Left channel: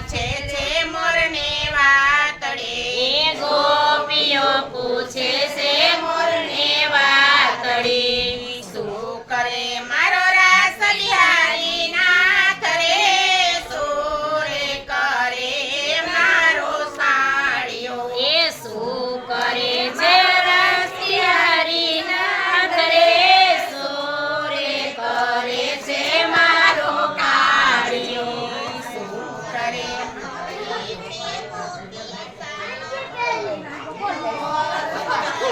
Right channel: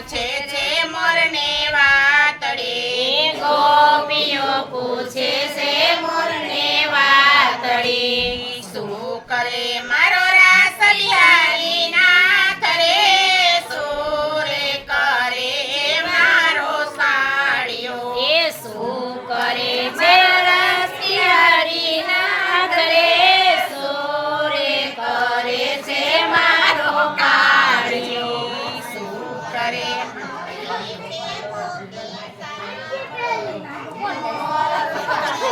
પૂછે છે મોરને વાતડે. ગોપીઓ પૂછે છે મોરને વાતડે. શું કરે મારો રાસ બિહારી નાથ રે? શું કરે મારો સાળિયો? એ શું Thank you.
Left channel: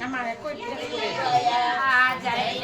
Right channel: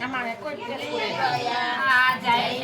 આમાં કોઈ જય જાય